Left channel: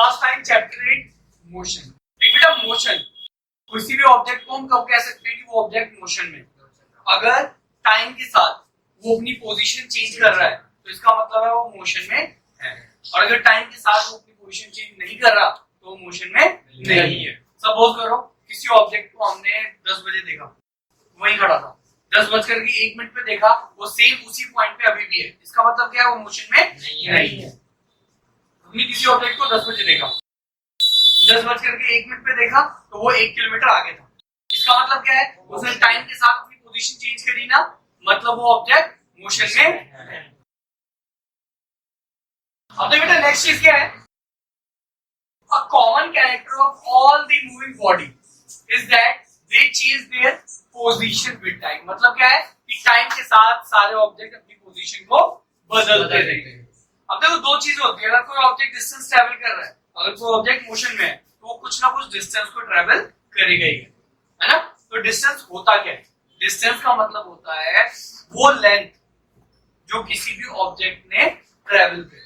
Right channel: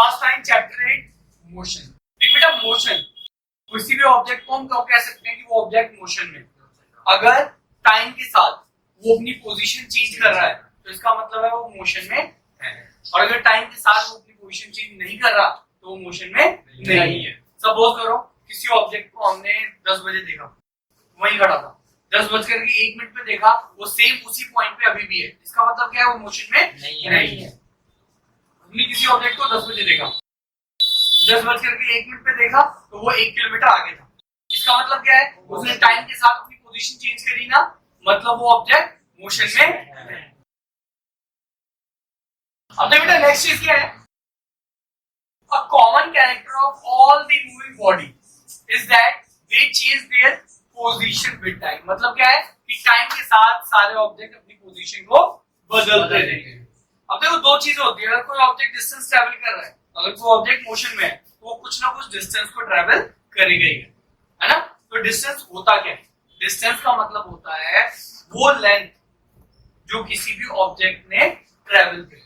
Class 9 chapter 8 motion. देखिए बेटा motion किसी भी ऑब्जेक्ट को हम कब कह सकते हैं कि वो ऑब्जेक्ट मोशन में, अगर टाइम के साथ वो अपनी पोजीशन चेंज कर रहा है तो इसका मतलब है वो मोशन में है, और अगर टाइम के साथ वो अपनी पोजीशन चेंज नहीं कर रहा तो वो मोशन में नहीं है। सपोज करो किसी ऑब्जेक्ट को हमने 10 बजे देखा, वहीं खड़ा था, 10:01 पे देखा, वो सेम उसी पॉइंट पे अभी भी है, इसका मतलब क्या है वो मोशन में नहीं है। हमने किसी ऑब्जेक्ट को 10 बजे देखा, 10:01 पे देखा तो वो 1 किलोमीटर आगे था, इसका मतलब क्या है उसने टाइम के साथ अपनी पोजीशन चेंज करी ना, मतलब वो ऑब्जेक्ट मोशन में है। अब बेटा नेक्स्ट चीज क्या है, a common character of all the moving body is that they change their position with time. मतलब क्या है कि टाइम के साथ सारे ऑब्जेक्ट अपनी पोजीशन को बदलते रहते हैं। अब देखो दो चीजें होती है, अगर कोई ऑब्जेक्ट डिस्टेंस ट्रैवल कर रहा है, अगर कोई ऑब्जेक्ट मोशन में है तो वो कुछ ना कुछ डिस्टेंस को ट्रैवल करेगा ही, है ना। तो डिस्टेंस होता क्या है, डिस्टेंस का मतलब होता है वो लेंथ जो किसी भी ऑब्जेक्ट ने ट्रैवल की,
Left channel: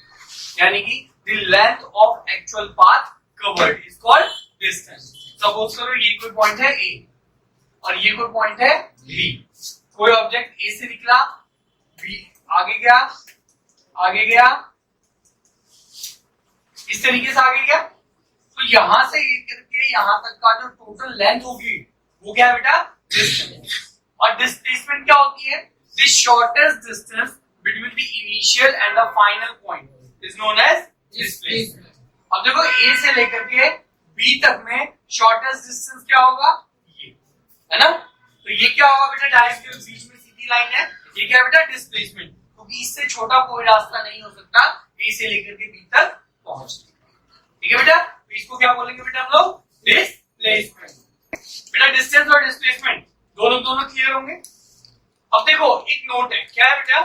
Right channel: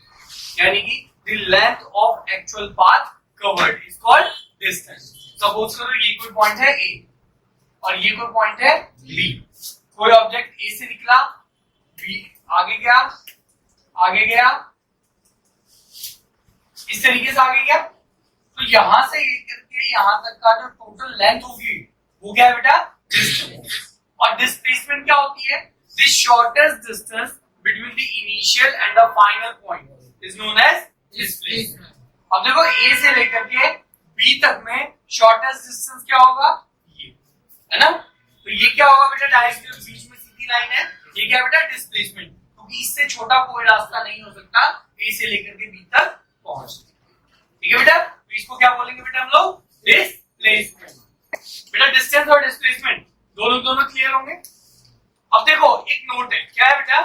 यानी कि the length of actual path covered is called distance. Suppose करो ये कोई पॉइंट है ए और ये कोई पॉइंट है बी, कोई ऑब्जेक्ट ए से निकला, बी आगे गया, इस तरीके से आगे गया, तो यहां से लेकर के यहां तक का जो टोटल लेंथ होगी वो क्या है बेटा, डिस्टेंस। और डिस्प्लेसमेंट क्या होती है, the shortest distance between the initial and the final point is known as displacement. अब देखो ए से लेकर के बी तक में शॉर्टेस्ट डिस्टेंस क्या होगा, ये है ना। तो ये क्या होगा बेटा, डायरेक्ट बीच में सीधी लाइन है, ये क्या बेटा डिस्प्लेसमेंट, क्योंकि इससे छोटा कोई रास्ता नहीं हो सकता ए से लेकर के बी तक पहुंचने। ठीक है बेटा, तो इसको क्या बोलेंगे बेटा हम लोग, डिस्प्लेसमेंट। बेटा डिस्टेंस और डिस्प्लेसमेंट दोनों क्लियर होंगे। अब देखो एक नोट है, क्या है बेटा,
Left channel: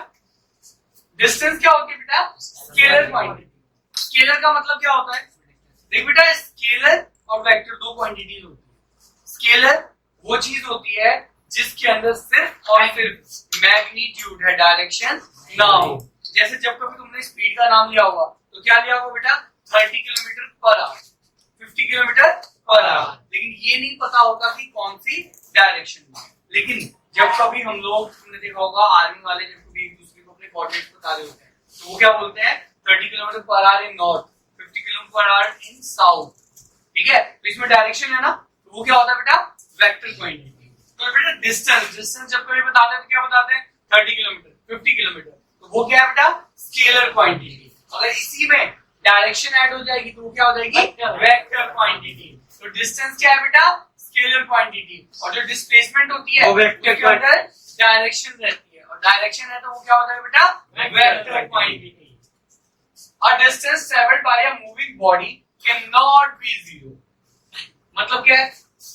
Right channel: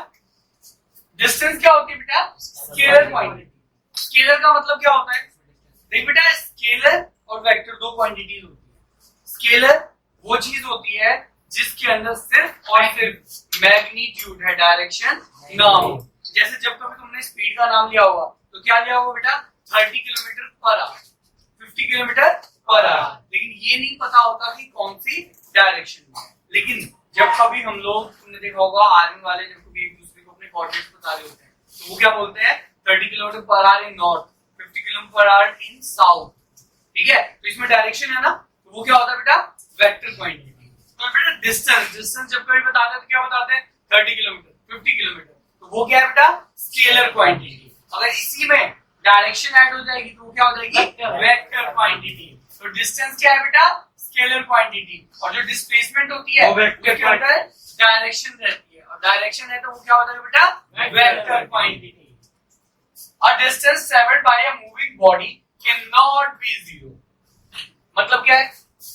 डिस्टेंस क्या होती है बेटा, स्केलर क्वांटिटी। स्केलर का मतलब क्या होता है, देख बेटा स्केलर और वेक्टर दो क्वांटिटीज होती है। स्केलर वो चीज होती है जिसके अंदर सिर्फ और सिर्फ मैग्नीट्यूड है, डायरेक्शन ना हो। जैसे जब कभी तुमने स्पीड का नाम लिया होगा तो क्या लिया होगा बेटा, 30 kilometre per our, 50 kilometre per our, लेकिन ये नहीं पता होता कि कौन सी डायरेक्शन में। लेकिन जब कभी हम लोग, तुमने देखा होगा आर्मी वाले जब कभी एक दूसरे को अपने कोऑर्डिनेट्स बता रहे होते हैं तो वो क्या बोलते हैं, 30 kilometre per our in north, 50 kilometre per our in south. ठीक है, तो इसमें डायरेक्शन है ना, तो वो क्या होता है बेटा, वेक्टर क्वांटिटी। तो बेटा डिस्टेंस जब कभी बताते हैं तो क्या बताते हैं, 30 किलोमीटर, 50 किलोमीटर, तो वो क्या है बेटा, स्केलर क्वांटिटी। अगर इसी में डायरेक्शन ऐड हो जाएगी तो वो क्या हो जाएगी, वेक्टर क्वांटिटी। तो डिस्टेंस क्या है बेटा, स्केलर क्वांटिटी, और जो डिस्प्लेसमेंट होती है उसके अंदर डायरेक्शन रहती है, और डायरेक्शन है तो वो क्या होता है बेटा, vector quantity. A distance travelled bye a moving body can not be zero. मतलब क्या है,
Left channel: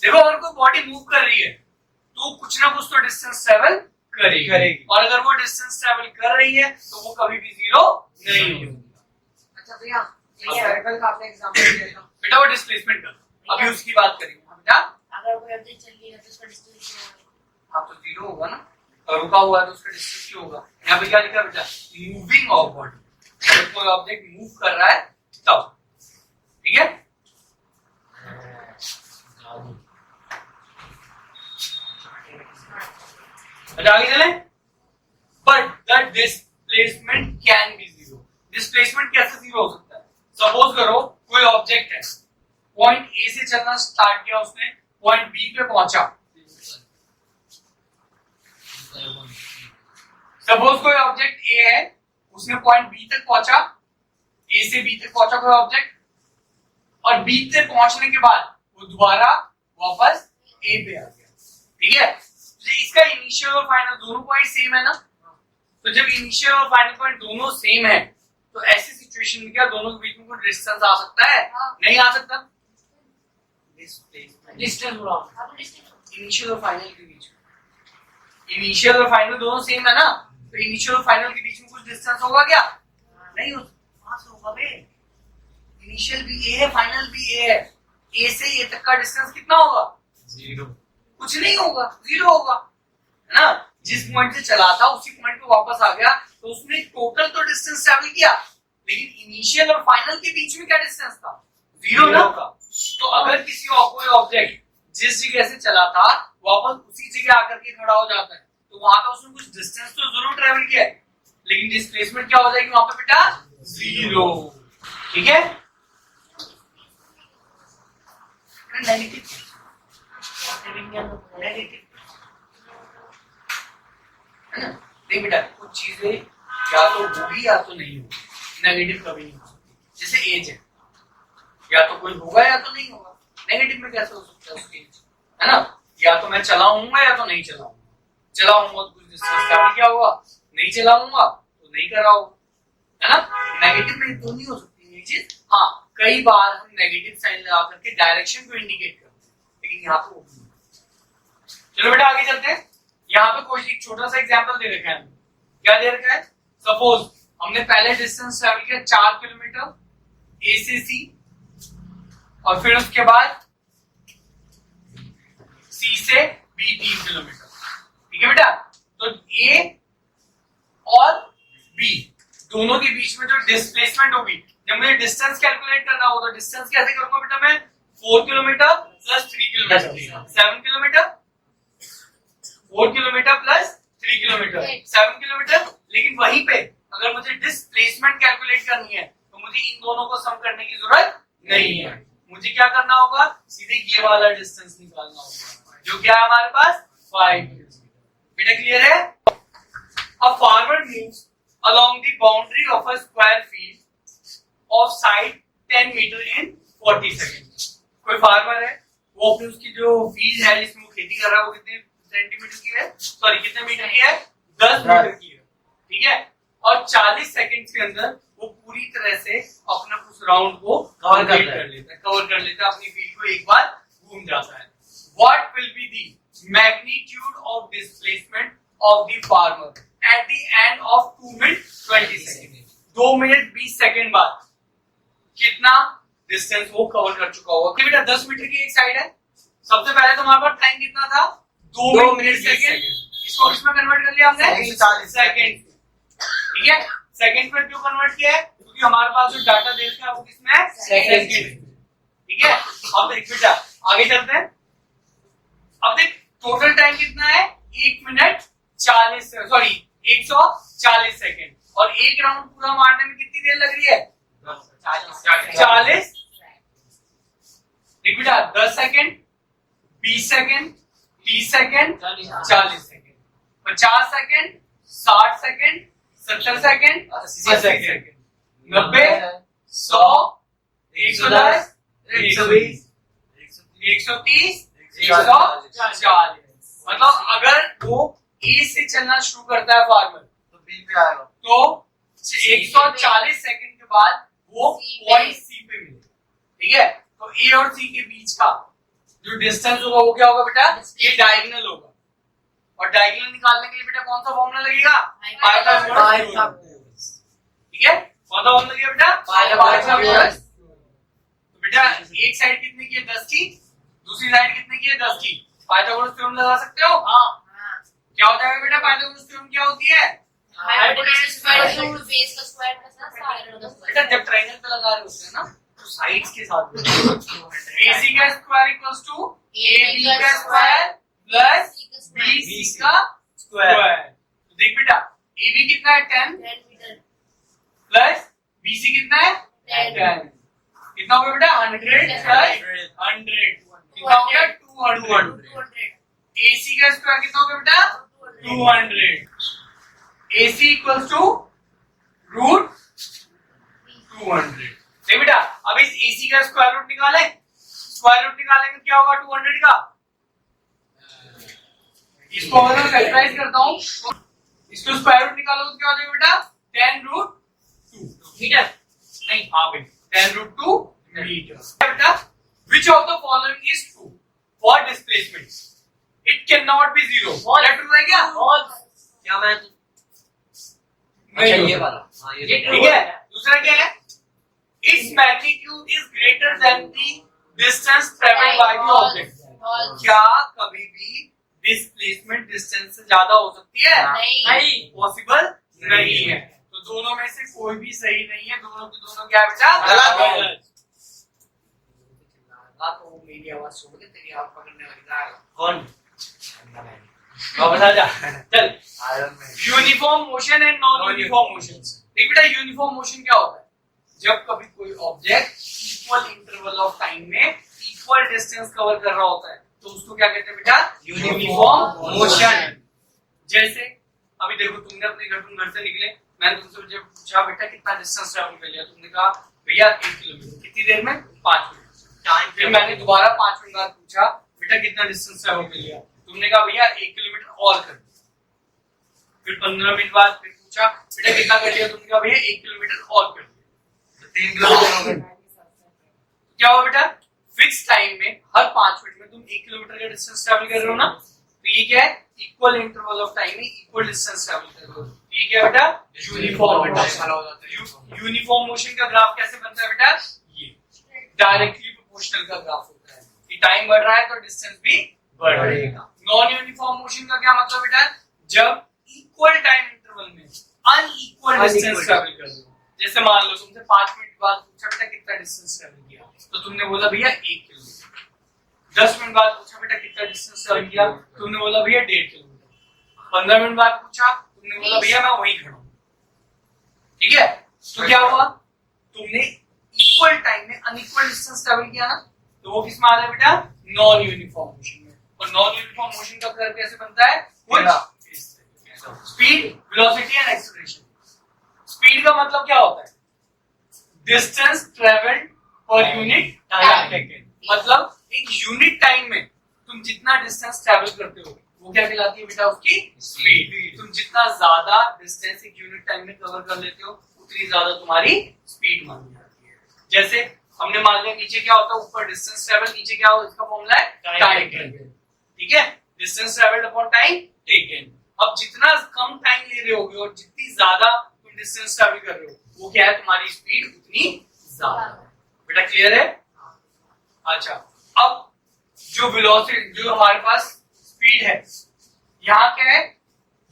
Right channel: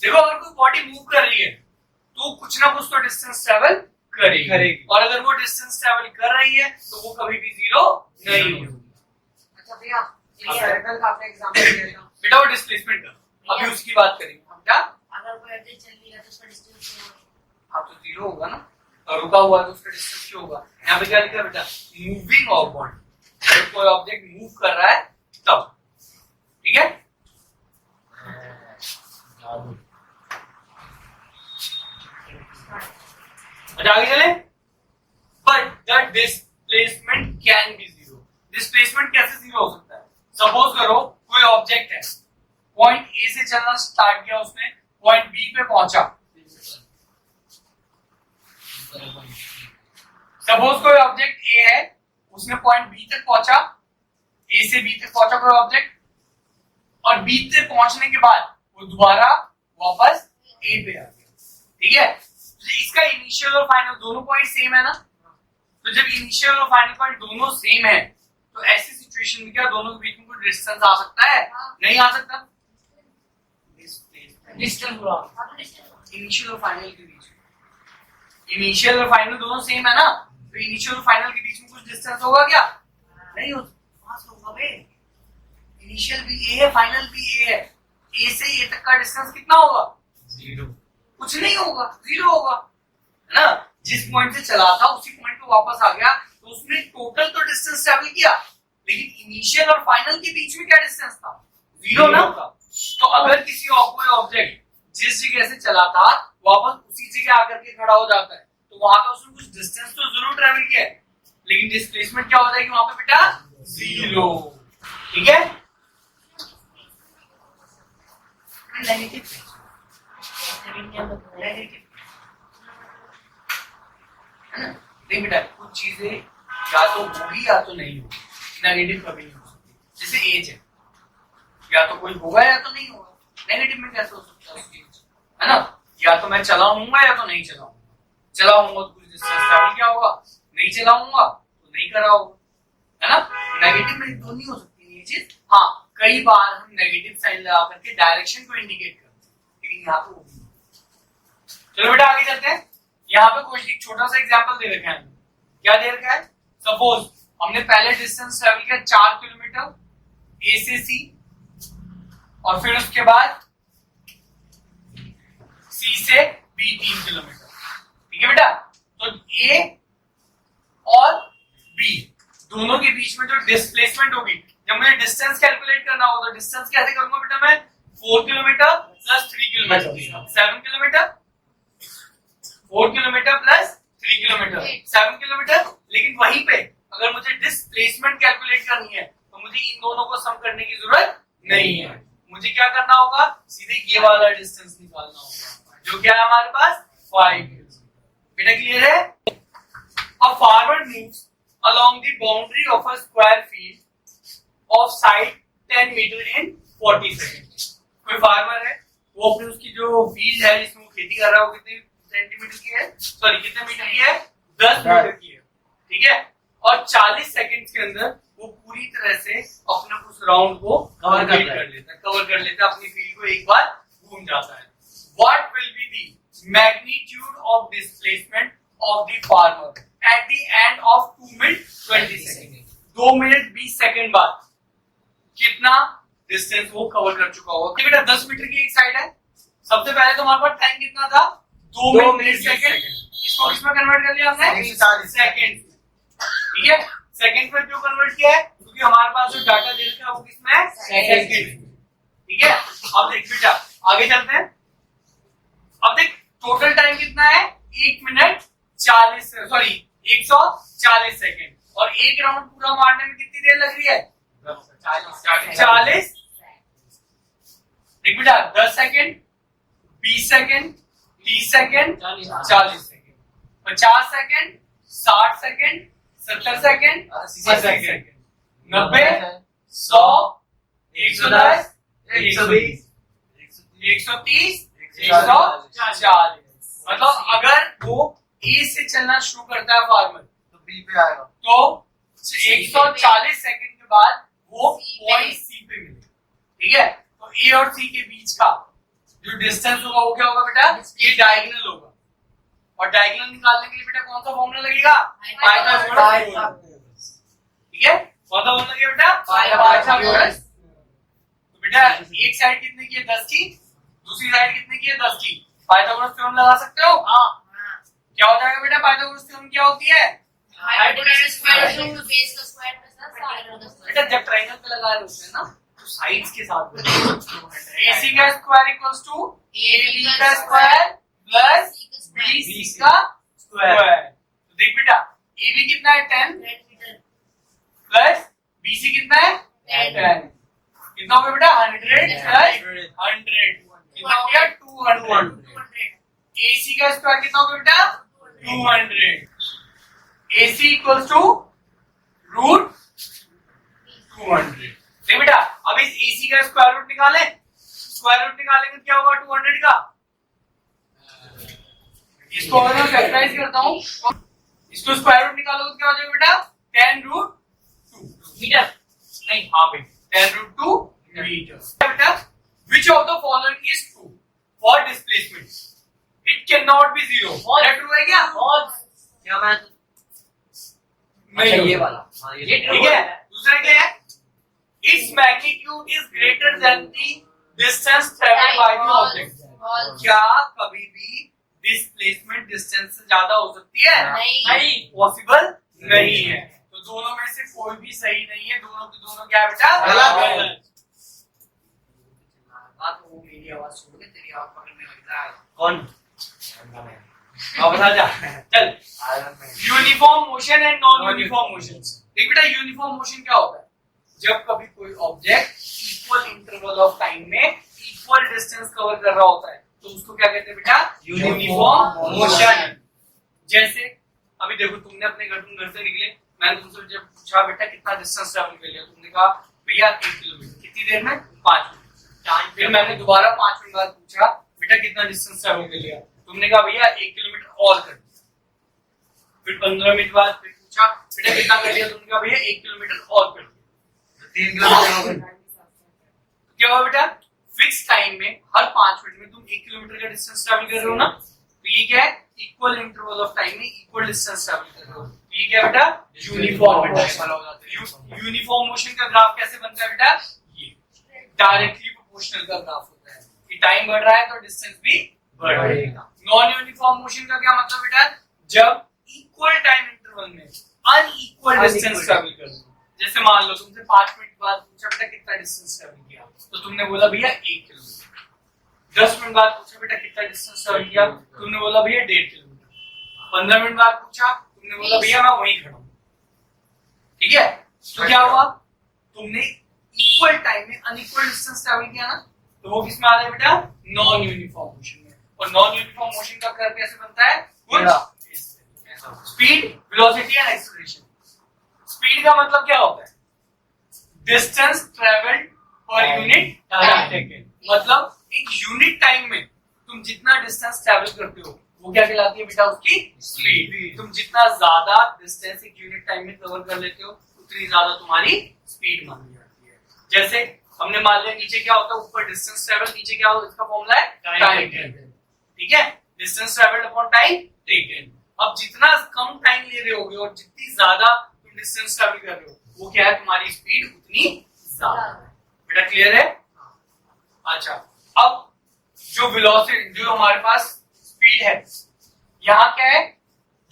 देखो अगर कोई बॉडी मूव कर रही है तो कुछ ना कुछ तो डिस्टेंस ट्रैवल करेगी, और अगर वो डिस्टेंस ट्रैवल कर रही है तो वो कभी भी जीरो नहीं होगी। अच्छा भैया, ये सर्कल का आपने एग्जांपल दिया था बेटा, वो डिस्प्लेसमेंट का, अभी उसकी बात करेंगे बेटा। अगर कोई ऑब्जेक्ट चल रही है तो उसका डिस्टेंस क्या होगा, हाँ तो जीरो होगा ना, और रुका हुआ है तो उसका डिस्टेंस क्या होगा, यहाँ पे क्या लिखा है बेटा, मूविंग ऑफ बॉडी। अगर कोई ऑब्जेक्ट मूव कर रहा है तब, ठीक है। अच्छा आगे चले, but the displacement can be zero. Displacement कैसे जीरो हो सकता है, सपोज करो कोई ऑब्जेक्ट है, पॉइंट ए से चलना स्टार्ट किया उसने, पॉइंट बी पे पहुंचा। सपोज कोई ऑब्जेक्ट ए है, उसने पॉइंट बी तक पहुंचा, ए से बी तक पहुंचा कोई ऑब्जेक्ट, और बी तक पहुंचने के बाद वो दोबारा वापस ए पे आ गया। ठीक है, इसका इनिशियल और फाइनल दोनों पॉइंट सेम है ना, तो जब इनिशियल और फाइनल पॉइंट दोनों सेम है तो ऐसी सिचुएशन में क्या दोनों के बीच में कोई डिस्टेंस आ सकता है, नहीं आ सकता। डिस्टेंस बोला, इनिशियल और फाइनल के बीच में, इनिशियल और फाइनल दोनों सेम है ना, तो इनिशियल और फाइनल के बीच में कुछ डिस्टेंस होगा क्या, नहीं होगा, वहां से होगा बे। इनिशियल भी ए है, फाइनल भी ए है, ए से ए तक का डिस्टेंस कितना होगा, जीरो, कुछ नहीं होगा, जीरो होगा, है ना। जिस पॉइंट से चला था उसी पॉइंट पे वापस आ गया तो उसने टोटल तो डिस्टेंस ट्रैवल किया, लेकिन इनिशियल और फाइनल के बीच में क्या डिस्टेंस था, जीरो ना। तो अगर किसी कोई ऑब्जेक्ट जिस जगह से चला था वापस उसी जगह आकर के खड़ा हो जाता है तो वहां पे उसने कुछ डिस्टेंस तो जरूर ट्रेवल किया है, लेकिन डिस्प्लेसमेंट क्या हो जाएगी वहां पे बेटा? जीरो। ठीक है? देख बेटा कुछ चीजें या तो होगी या तो नहीं होगी, नेगेटिव कभी नहीं हो सकती। जैसे एज है, या तो कोई होगा या तो नहीं होगा, नेगेटिव में कैसे हो सकता है उसकी एज, है ना? या तो मैं चलाऊंगा या तो नहीं चलाऊंगा, चलाऊंगा तो कुछ डिस्टेंस ट्रैवल किया होगा, नहीं चलाऊंगा तो नहीं करा होगा, है ना? नेगेटिव में तो नहीं हो सकती ये चीज। हाँ, कई बार हम नेगेटिव साइन लगा करके डायरेक्शन को इंडिकेट करते हैं, लेकिन यहाँ तो वो नहीं। चलो बेटा आगे चलते हैं। यहाँ पे कोई एक छोटा सा एग्जांपल दे रखा है, क्या दे रखा है? सपोज हमने पहले डिस्टेंस ट्रैवल किया 4 किलोमीटर ए से सी, और फिर उसके बाद सी से बी 3 किलोमीटर। ठीक है बेटा? तो ए और बी दोनों के बीच में जो डिस्प्लेसमेंट होगी, जब मुझे डिस्टेंस कैलकुलेट करना होगा तो डिस्टेंस कैसे करूंगा बेटा? मैं 4 kilometre plus 3 kilometre 7 kilometre, 4 kilometre plus 3 kilometre 7 kilometre. लेकिन वहीं पे अगर मुझे डिस्प्लेसमेंट कैलकुलेट करनी है तो मुझे इन दोनों को सम करने की जरूरत नहीं है। मुझे क्या करना होगा? सीधे ये वाला डिस्टेंस निकालना होगा, जो क्या है हमारे पास 5 किलोमीटर। बेटा क्लियर है? A farmer moves along the boundary of a square field of side 10 meter in 40 seconds। कोई फार्मर है, वो अपनी उसकी जो फील्ड है जिसमें वो खेती कर रहा है वो कितने सेंटीमीटर की है, सॉरी कितने मीटर की है? 10 मीटर की है। ठीक है? और 40 सेकंड्स के अंदर वो पूरी तरह से अपने उस राउंड को कवर कर लेता है, अपनी फील्ड को एक बार घूम जाता है। What will be the magnitude of displacement of the farmer at the end of 2 minutes 20 seconds? 2 minute 20 second बाद कितना डिस्टेंस वो कवर कर चुका होगा? बेटा 10 मीटर की एक साइड है। सबसे पहले तो हमारे पास टाइम कितना था? 2 मिनट 20 सेकंड। इसको किसमें कन्वर्ट कर लिया हमने? सेकंड। ठीक है? सेकंड में क्यों कन्वर्ट किया है? क्योंकि हमारे पास जो डाटा दे रखा है वो किसमें है? सेकंड। ठीक है? अब देख बेटा आगे चलते हैं। अब देख टोटल टाइम कितना है? 1 मिनट 140 सेकंड, और एक राउंड पूरा मारने में कितनी देर लग रही है? 40। देख बेटा 10 second, 20 second, 30 second, 40 second, 50 second, 60 second, 70 second, 80 second, 90, 100, 110, 120, 130, 140। मतलब अगर वो ए से चलना शुरू करता है फार्मर तो बी पे आएगा, तो 140 सेकंड के बाद वो पॉइंट सी पे मिलेगा। ठीक है? तो ए और सी के बीच का जो डिस्टेंस होगा वो क्या होगा बेटा? ये डायगोनल होगा, और डायगोनल निकालने के लिए बेटा कौन सा फॉर्मूला लगेगा? पाइथागोरस। ठीक है? कौन सा फॉर्मूला लगेगा बेटा? पाइथागोरस। तो बेटा एक साइड कितने की है? 10 की, दूसरी साइड कितने की है? 10 की। पाइथागोरस थ्योरम लगा सकते हो? हाँ। क्या होता है बेटा? पाइथागोरस थ्योरम क्या होती है? बेटा जब ट्रायंगल पे लगा रहे होते हैं ना तो साइड्स के साथ AC का स्क्वायर इक्वल्स टू AB का स्क्वायर प्लस BC का स्क्वायर। तो देख बेटा AB कितना है? 10 प्लस BC कितना है? 10। कितना हो गया बेटा? 100 प्लस 100 कितना हो गया? 200। AC का स्क्वायर कितना हो गया बेटा? 200। AC equals to root 200। देख बेटा अब इस AC का स्क्वायर रूट निकालें, स्क्वायर रूट निकालेंगे क्या होगा 200 का? इसको अगर मैं फैक्टराइज करता हूं इसको स्क्वायर रूट निकालो तो क्या हो जाएगा बेटा? 10 रूट 2 मीटर, नहीं हाँ भाई 10 रूट 2 मीटर। बेटा which of the following is true for displacement? It cannot be zero। क्या ट्रू है क्या? क्या मैं नहीं ये वाला, हाँ ये ठीक है। दूसरा क्या है? Its magnitude is greater than the distance traveled by the object। क्या कभी भी डिस्प्लेसमेंट डिस्टेंस से ज्यादा हो सकती है? नहीं, पॉसिबल नहीं है। तो दोनों में से कोई भी सही नहीं है, दोनों के दोनों क्या है बेटा? गलत। वो मेरी आवाज छोड़ के तेरी आवाज पकड़ने वाला है कौन? बता जा चल। Uniform motion and non uniform motion. देख बेटा यूनिफॉर्म मोशन क्या होता है? जब कभी कोई object equal interval of time में इक्वल डिस्टेंस कवर कर रहा होता है तो उसको क्या कहते हैं बेटा? Uniform motion. जैसे अभी देखो तुमने अपने घर से निकले, मैंने तुमसे जब पूछा बेटा कितना डिस्टेंस ट्रैवल कर लिया, तुमने कहा भैया 1 किलोमीटर। कितनी देर में? 5 मिनट। फिर मैंने दोबारा 5 मिनट बाद पूछा बेटा कितना डिस्टेंस ट्रैवल कर लिया, तुमने कहा भैया 1 किलोमीटर और कर दिया। फिर 15 मिनट बाद फिर पूछा बेटा कितना कर लिया, तुमने कहा भैया 1 किलोमीटर और कर दिया। 3 किलोमीटर हो गए। क्या हुआ बेटा? फिक्स टाइम में हर 5 मिनट में तुम 1 किलोमीटर का डिस्टेंस ट्रैवल कर रहे हो ना, तो ये क्या है? इक्वल इंटरवल ऑफ टाइम में इक्वल डिस्टेंस ट्रैवल कर रहे हो। ये क्या बेटा? Uniform motion. यूनिफॉर्म मोशन का ग्राफ कैसे बनता है बेटा? ये डायरेक्टली प्रोपोर्शनल का ग्राफ होता है कि टाइम बढ़ रहा है तो डिस्टेंस भी बढ़ेगा। नॉन यूनिफॉर्म मोशन का क्या मतलब बेटा? जब इक्वल टाइम इंटरवल में अनइक्वल डिस्टेंस ट्रैवल कर रहे हो। जैसे मान लो तुमसे 5 मिनट बाद पूछा बेटा कितना डिस्टेंस ट्रैवल किया, तो तुमने बोला भैया 1 किलोमीटर। 10 मिनट बाद पूछा बेटा कितना डिस्टेंस ट्रैवल किया, तुमने बोला भैया 1.5 किलोमीटर। 15 मिनट बाद पूछा, तुमने बोला भैया मैं वहीं खड़ा हूं। ठीक है, तो क्या हुआ? तुमने इक्वल टाइम में अनइक्वल डिस्टेंस ट्रैवल किया ना, तो वो किस में आता है बेटा? नॉन यूनिफॉर्म मोशन में। और नॉन यूनिफॉर्म मोशन का कर्व कैसे बनता है? कुछ speed, velocity and acceleration. Speed का मतलब क्या होता है? Distance travelled per unit time. मतलब एक यूनिट टाइम में तुम जितना डिस्टेंस ट्रैवल करते हो वो क्या कहलाती है बेटा? उसकी स्पीड। तुम जितना ज्यादा डिस्टेंस एक यूनिट टाइम में कवर कर लेते हो उतनी ज्यादा तुम्हारी स्पीड मानी जाती है। जैसे हमने मान लिया नीचे क्या होता है? ऊपर डिस्टेंस ट्रैवल, नीचे क्या हो? इसका फॉर्मूला है टाइम टेकन। ठीक है, distance travelled upon time taken. अब जितना कम टाइम ले रहे होगे और जितनी ज्यादा तुम डिस्टेंस ट्रैवल कर रहे हो वो क्या है? तुम्हारी स्पीड उतनी ज्यादा है। बेटा क्लियर है? अच्छा, अब जो वेलोसिटी, जो हमारे पास स्पीड है, यहाँ क्या है?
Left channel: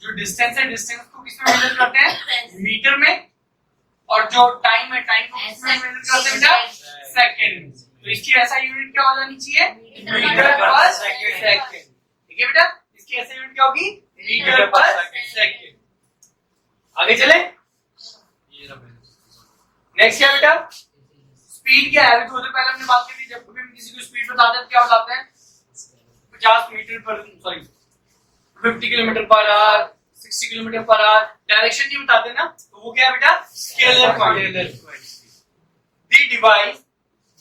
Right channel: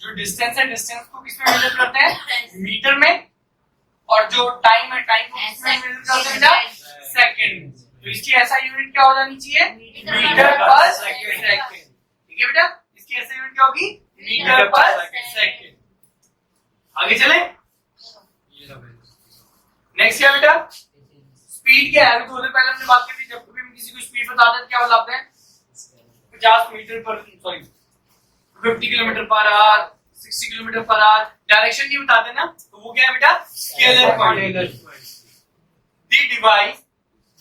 जो डिस्टेंस है, डिस्टेंस को किसमें मेजर करते हैं? मीटर में। और जो टाइम है, टाइम को किसमें मेजर करते हैं बेटा? सेकंड। तो इसकी ऐसा यूनिट क्या हो जानी चाहिए? Metre per second. ठीक है बेटा, इसकी ऐसा यूनिट क्या होगी? Metre per second. आगे चले, नेक्स्ट क्या बेटा? स्पीड क्या है? अभी थोड़ी देर पहले हमने बात की थी, जब कभी हम किसी को स्पीड बताते हैं क्या बताते हैं? 50 metre per, sorry 50 kilometre per hour, 60 kilometre per hour. Direction नहीं बताते ना, तो वो क्या है बेटा? Scalar quantity. दी डिवाइस,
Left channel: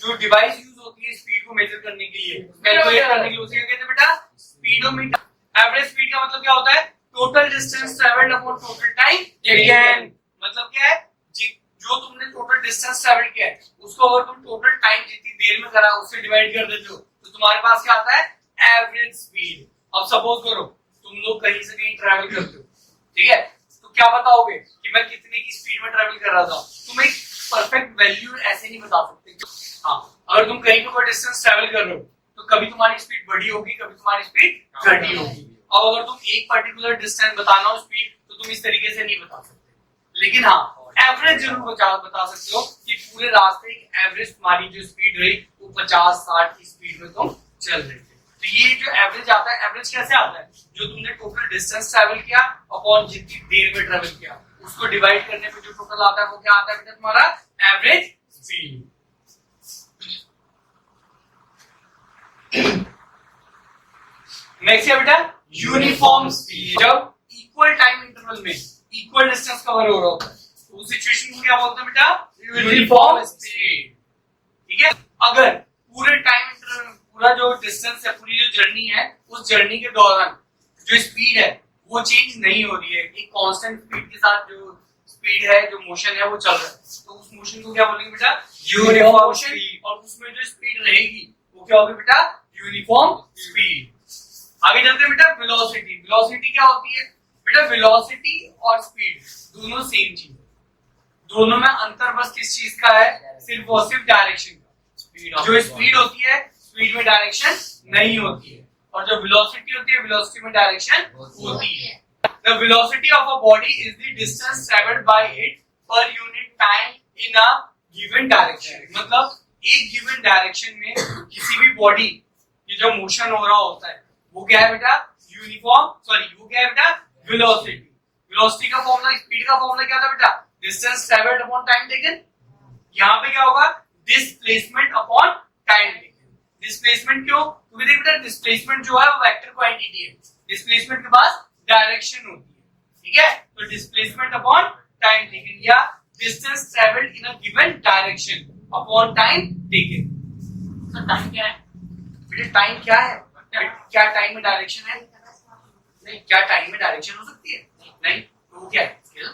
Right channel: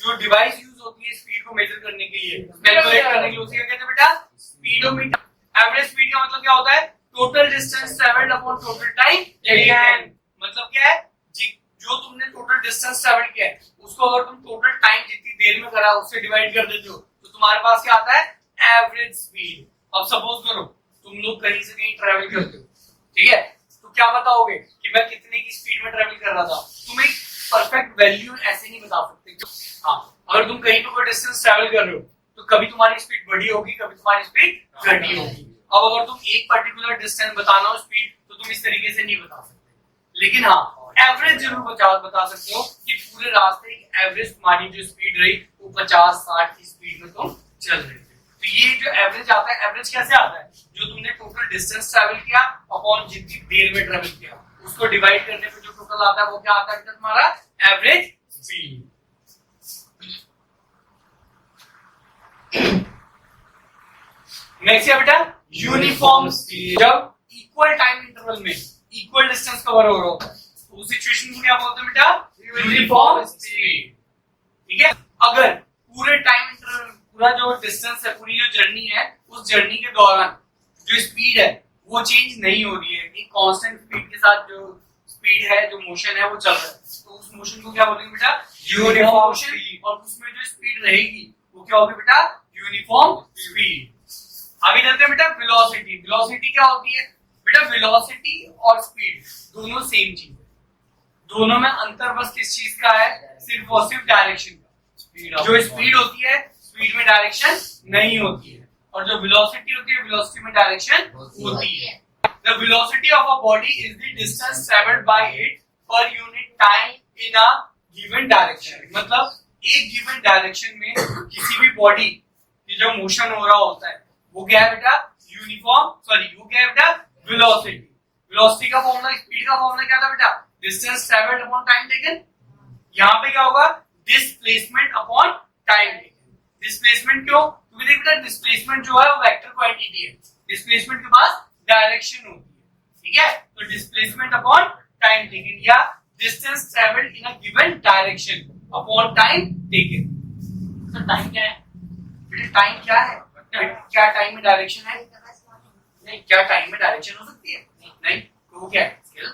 जो डिवाइस यूज होती है स्पीड को मेजर करने के लिए, कैलकुलेट करने के लिए, उसे क्या कहते हैं बेटा? स्पीडोमीटर। एवरेज स्पीड का मतलब क्या होता है? Total distance travelled upon total time taken. मतलब क्या है? जो तुमने टोटल डिस्टेंस ट्रैवल किया है उसको अगर तुम टोटल टाइम जितनी देर में करा उससे डिवाइड कर देते हो तो तुम्हारे पास क्या आता है? Average speed. अब सपोज करो तुम लोग कहीं से कहीं ट्रैवल करते हो, ठीक है, तो क्या बताओगे कि मैं कितने की स्पीड में ट्रैवल कर रहा था? तुम एक परफेक्ट वैल्यू ऐसे नहीं बता सकते। हाँ, अगर तुम कहीं पे कोई डिस्टेंस ट्रैवल कर रहे हो तो कभी तुम्हारी स्पीड बढ़ी होगी, कभी तुम्हारी स्पीड घटी होगी। अब अगर तुम एक पर्टिकुलर डिस्टेंस बताना हो स्पीड, तो तुम इस तरीके से नहीं बता सकते। लेकिन हाँ, एवरेज जरूर बता सकते हो कि पूरे रास्ते की एवरेज तुम्हारी जो स्पीड रही वो 50-60 की स्पीड में तुम चल रहे थे। तो ये जो एवरेज आता है, एवरेज कैसे आता है? जो तुमने टोटल डिस्टेंस ट्रैवल किया अपॉन जितनी देर में ट्रैवल किया उसको डिवाइड करने पे जो टोटल आता है वो क्या आता है बेटा? तुम्हारा एवरेज स्पीड। नेक्स्ट है बेटा यूनिफॉर्म स्पीड। जब इक्वल टाइम इंटरवल में इक्वल डिस्टेंस कवर हो रहा होता है तो उस सिचुएशन को क्या बोलते हैं बेटा? Uniform speed. ठीक है, अगर पूरे टाइम इंटरवल, पूरा जो डिस्टेंस है, पूरी जो जर्नी है, उस जर्नी के दौरान जो स्पीड है वो चेंज नहीं हो रही है, एक कांस्टेंट स्पीड के साथ जो स्पीड है, जो मोशन है वो चल रहा है, तो उस मोशन को क्या बोलेंगे बेटा? Uniform motion. और उसमें जो स्पीड रहेगी वो क्या होगी बेटा? Uniform speed. आगे चलते हैं बेटा, वेलोसिटी। वेलोसिटी क्या होती है बेटा? वेलोसिटी और स्पीड दोनों सेम चीज है। दोनों में अंतर बस किस चीज का है? सिर्फ और सिर्फ डायरेक्शन का। जो स्पीड होती है, स्पीड में डायरेक्शन नहीं होती है, और जो वेलोसिटी होती है, वेलोसिटी में डायरेक्शन होती है। The velocity of a body is the distance traveled by it per unit time in a given direction. मतलब एक गिवन डायरेक्शन में किसी भी बॉडी की जो मोशन हो रहा होता है वो क्या है बेटा, यूनिफॉर्म, सॉरी वो क्या है बेटा, वेलोसिटी। वेलोसिटी का फॉर्मूला, स्पीड का फॉर्मूला क्या था बेटा, distance travelled upon time taken. यहाँ पे क्या होगा, displacement upon time taken. Displacement क्यों, क्योंकि देख बेटा डिस्प्लेसमेंट जो है वो वेक्टर क्वांटिटी है, डिस्प्लेसमेंट के पास डायरेक्शन होती है, ठीक है। तो डिस्प्लेसमेंट अपॉन टाइम टेकन या distance travelled in a given direction upon time taken. तो टाइम क्या है बेटा, टाइम क्या है, क्या टाइम में डायरेक्शन है, नहीं, क्या टाइम में डायरेक्शन हो सकती है, नहीं, तो वो क्या है, स्केल।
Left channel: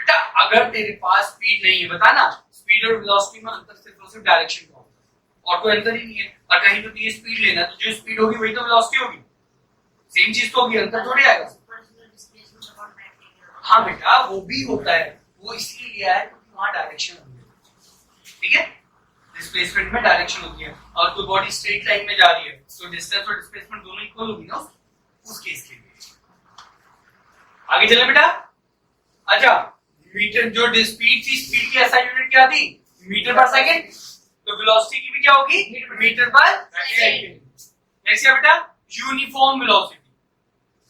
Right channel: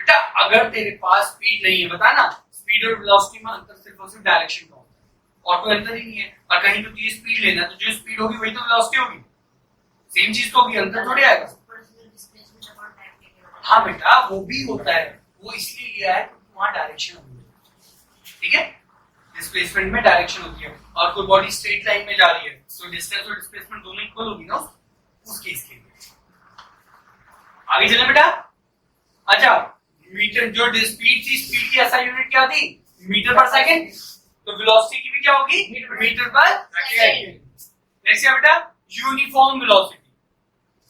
बेटा अगर तेरे पास स्पीड नहीं है, बता ना, स्पीड और वेलोसिटी में अंतर सिर्फ और सिर्फ डायरेक्शन का होगा और कोई अंतर ही नहीं है। और कहीं तो तुझे स्पीड लेना है तो जो स्पीड होगी वही तो वेलोसिटी होगी, सेम चीज तो होगी, अंतर थोड़ी आएगा। हाँ बेटा वो भी होता है, वो इसलिए लिया है क्योंकि वहां डायरेक्शन होती है, ठीक है। डिस्प्लेसमेंट में डायरेक्शन होती है और कोई बॉडी स्ट्रेट लाइन में जा रही है तो डिस्टेंस और डिस्प्लेसमेंट दोनों इक्वल होगी ना उस केस के लिए। आगे चले बेटा। अच्छा, मीटर जो स्पीड थी, स्पीड की ऐसा यूनिट क्या थी, मीटर पर सेकंड, तो वेलोसिटी की भी क्या होगी, मीटर पर सेकंड। नेक्स्ट है बेटा यूनिफॉर्म वेलोसिटी,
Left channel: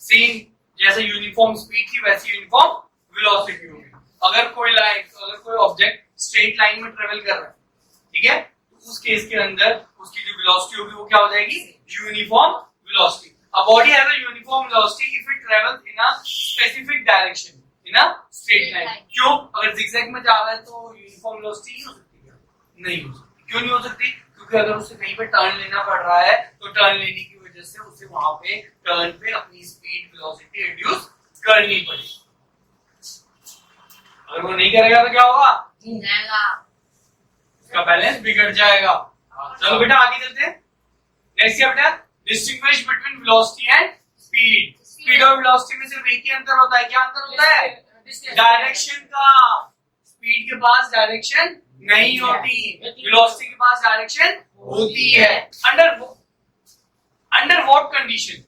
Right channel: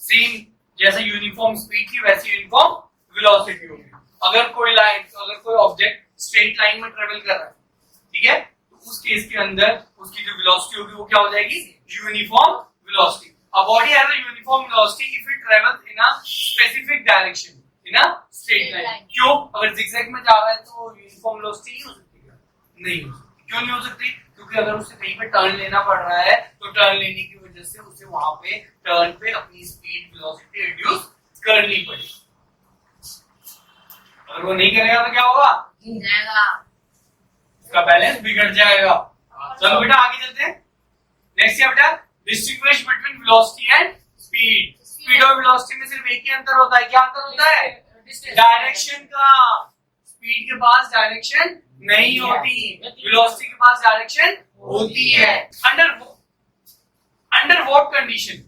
सेम जैसे यूनिफॉर्म स्पीड थी वैसी यूनिफॉर्म वेलोसिटी होगी। अगर कोई लाइन, अगर कोई ऑब्जेक्ट स्ट्रेट लाइन में ट्रेवल कर रहा है, ठीक है, तो उस केस के अंदर उसकी जो वेलोसिटी होगी वो क्या हो जाएगी, uniform velocity. A body has a uniform velocity if it travels in a specific direction in a straight line. क्यों, अगर zigzag में जा रहा है तो यूनिफॉर्म वेलोसिटी नहीं हो सकती क्या, नहीं हो सकती। क्यों नहीं हो सकती, क्योंकि अगर उसे कहीं पे टर्न लेना पड़ रहा है तो टर्न लेने की वजह से उसे वहां पे टर्न पे अपनी स्पीड वेलोसिटी रिड्यूस करनी पड़ेगी। अगर वो नहीं करेगा तो क्या होगा, उसका बैलेंस बिगड़ जाएगा। चलो बेटा आगे चलते हैं। नेक्स्ट है बेटा distinguish between velocity and speed. Speed और वेलोसिटी में सिर्फ एक ही अंतर होता है, क्या अंतर होता है, डायरेक्शन का। स्पीड के पास डायरेक्शन नहीं होती, वेलोसिटी के पास डायरेक्शन होती है। Under what condition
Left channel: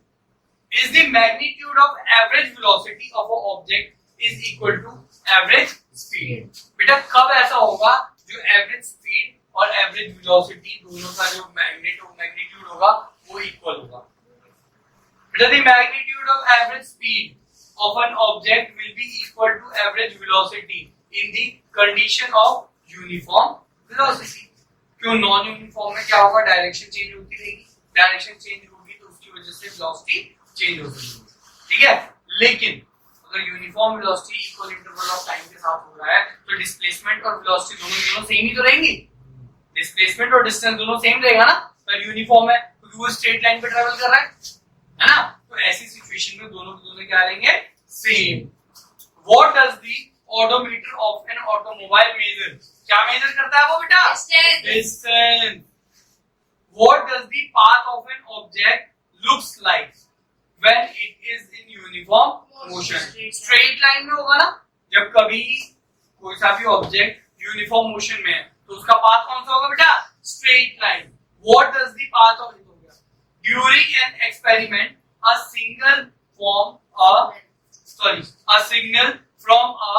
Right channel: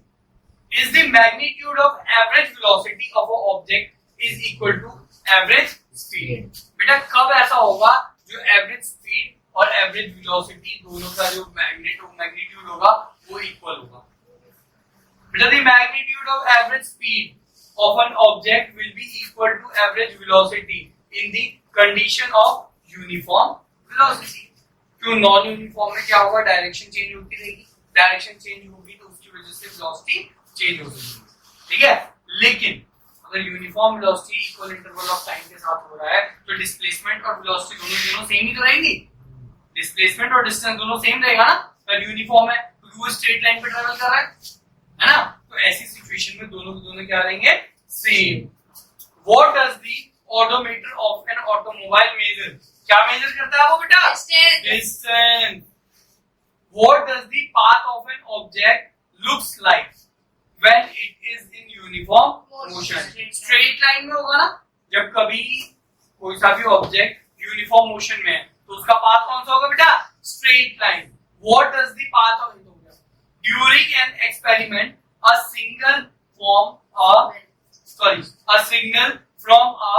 is the magnitude of average velocity of an object is equal to average speed। बेटा कब ऐसा होगा जो एवरेज स्पीड और एवरेज वेलोसिटी दोनों का जो मैग्नीट्यूड होगा वो इक्वल होगा। बेटा the magnitude of average speed of an object will be equal to average velocity in the condition of uniform velocity। क्यों, नॉन यूनिफॉर्म में क्या होगा, डायरेक्शन चेंज होती रहेगी, डायरेक्शन चेंज होगी तो उसकी वजह से वेलोसिटी चेंज हो सकती है, ठीक है। लेकिन अगर uniform velocity equal interval of time के साथ हो रहा है तो डिस्प्लेसमेंट और वेलोसिटी दोनों सेम ही तो रहेंगी, डिस्प्लेसमेंट और डिस्टेंस दोनों सेम रहेगा ना, पर यूनिफॉर्म है क्योंकि वो स्ट्रेट लाइन पे ट्रैवल कर रहा है ना। तो ऐसी सिचुएशन में दोनों के दोनों क्या रहेंगे, same. What does the odometer of an automobile measure, क्या मेजर करता है वो बेटा, distance. What does the path of an object looks like when it is in uniform motion। Straight line में होगा ना, जब कभी कोई सा भी ऑब्जेक्ट यूनिफॉर्म मोशन में है तो उसका पाथ कौन सा होगा बेटा, straight line. What does the path of, during an experiment a signal from a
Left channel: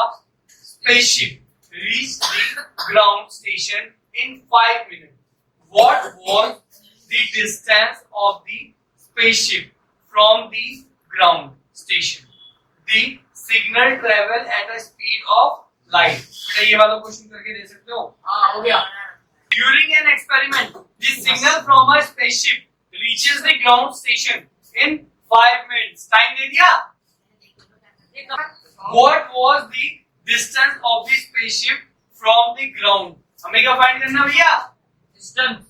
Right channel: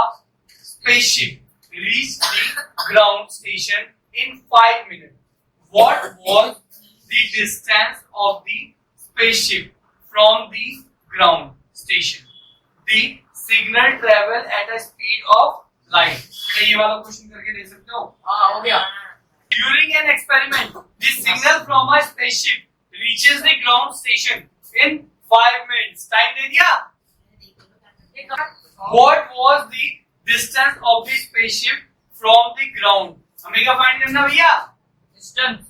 spaceship reached the ground station in 5 minutes। What was the distance of the spaceship from the ground station? The signal travel at a speed of light। बेटा ये वाला question करके दे सकते हो, हाँ हो गया। During an experiment, the signal from a spaceship reaches the ground station in 5 minutes। Time दे दिया। What was the distance of the spaceship from the ground? हमें क्या फाइंड करना भैया, distance।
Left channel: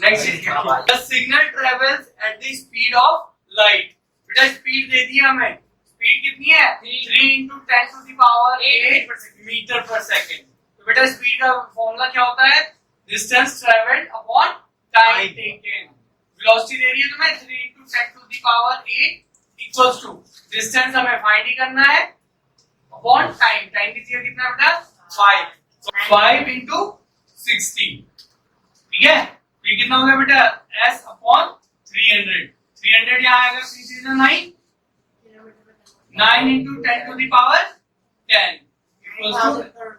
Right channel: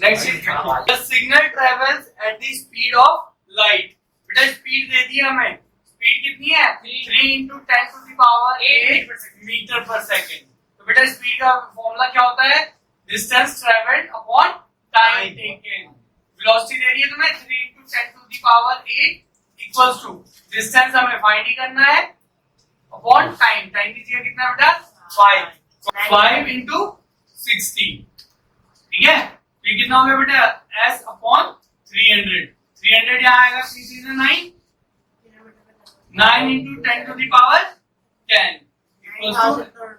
Next is the signal travels at the speed of light। बेटा speed दे दी हमें, speed कितनी है, 3 into 10 to the power 8 metre per second. तो बेटा स्पीड का फॉर्मूला क्या होता है, distance travelled upon time taken. Velocity दे रही है तुम्हें 3 into 10 to the power 8 equals to distance हमें फाइंड ही करना है अपॉन टाइम। टाइम दीजिए कितना बेटा, 5 into 60, ठीक है। ये कितना हो गया बेटा, s अपॉन 300। 300 यहाँ आएगा 3 9 into 10 to the power 10 equals to